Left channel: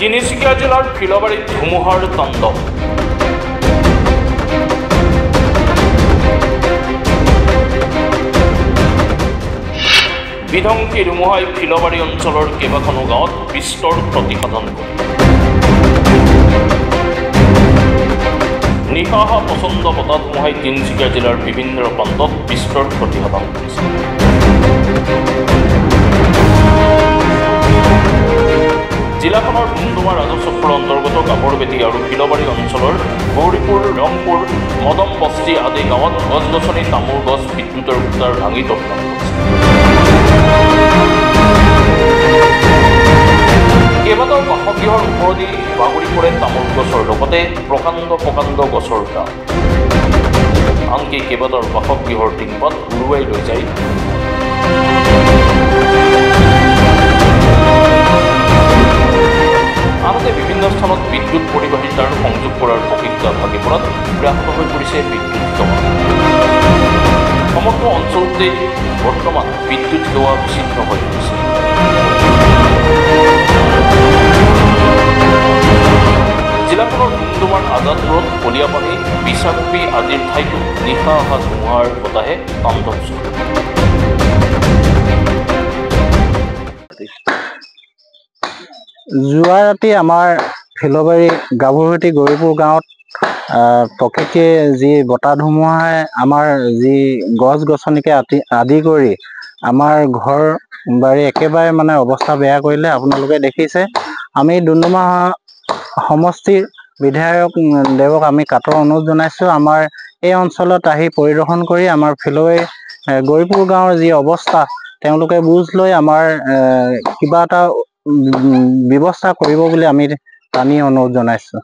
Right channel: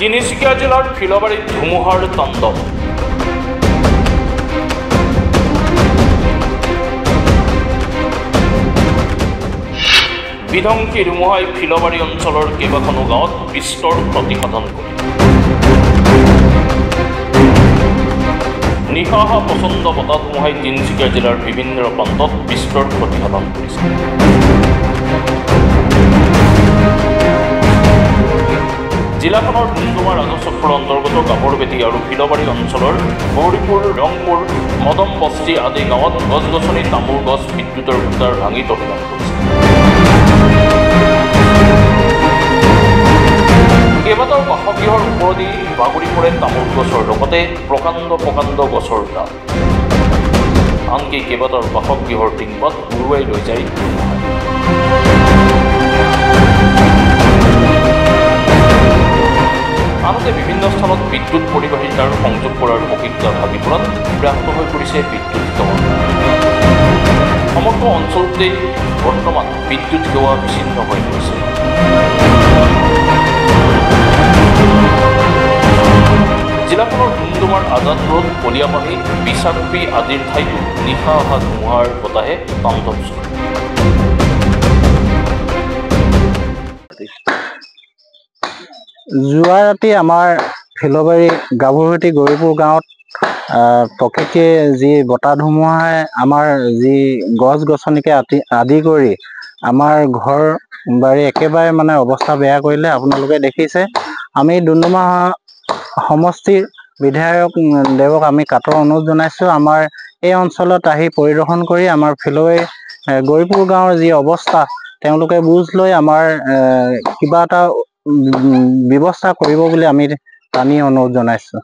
তিনিচুকীয়া জিলাৰ ফিলবাৰীত ধুমুহাৰ তাণ্ডৱ। বিধ্বংসী ধুমুহাই ফিলবাৰী অঞ্চলৰ কেইবাখনো গাঁৱত বিস্তৰ ক্ষতিসাধন কৰে। নিশা অহা প্ৰচণ্ড বতাহ ধুমুহাই তিনিচুকীয়া জিলাৰ বিভিন্ন প্ৰান্তত বিস্তৰ ক্ষতিসাধন কৰিছে। জিলাখনৰ ডুমডুমা ৰাজচক্ৰৰ অন্তৰ্গত কাপৰবেটী আৰু ফিলবাৰী অঞ্চলৰ গৌৰীপুৰ, ৰংপুৰ, মদম বস্তি আদি গাঁৱত গছ-গছনি, তামোল গছ, বিদ্যুতৰ খুঁটাৰ ভাঙি তহিলং কৰিছে। কেইবাটাও বাসগৃহৰ ওপৰেদি বাগৰি পৰে তামোল গছৰ লগতে প্ৰকাণ্ড প্ৰকাণ্ড গছৰ ডাল। আনকি কেইবাটাও বাসগৃহৰ টিংপাত উৰুৱাই লৈ যায় ধুমুহাই। আনহাতে বিভিন্ন স্থানত বিদ্যুৎ পৰিবাহী তাঁৰ সংযোগ কৰাৰ প্ৰক্ৰিয়া ভাগি পৰাত ব্যাহত হৈ পৰিছে বিদ্যুৎ সেৱা। সমগ্ৰ অঞ্চলতেই বৰ্তমান বিদ্যুৎ সেৱা বিচ্ছিন্ন হৈ পৰিছে। জিলাখনৰ ডুমডুমাৰ আজাদ ৰোড, কলিয়াপানী, বিশাখপী আদিৰ ঠাইতো নিশা অহা ধুমুহাৰ বতাহে তাণ্ডৱ চলে। যোৱা ৰাতি আমাৰ ফিলবাৰী গাভৰুভেটি গৌৰীপুৰ গাঁৱত প্ৰকৃতিয়ে যি বতাহ ধুমুহাই আমাৰ যি গছ গছনিকে আদি কৰি আমাৰ ঘৰ বাৰী একেবাৰে মানে অৱস্থা বেয়া কৰিলে। আপোনালোকে দেখিছে, আমি ডুমডুমা সমষ্টিৰ বিধায়ক দেৱক আমি কাটৰ অনুৰোধ জনাইছোঁ, আমাৰ এই অঞ্চলত আহি পৰিদৰ্শন কৰি আমাৰ ফিলবাৰী গৌৰীপুৰ গাঁৱৰ যি অৱস্থা তেওঁলোকে বুজ লৈ আমাৰ কিবা এটা ব্যৱস্থা কৰিব বুলি আমি টানি অনুৰোধ জনাইছোঁ।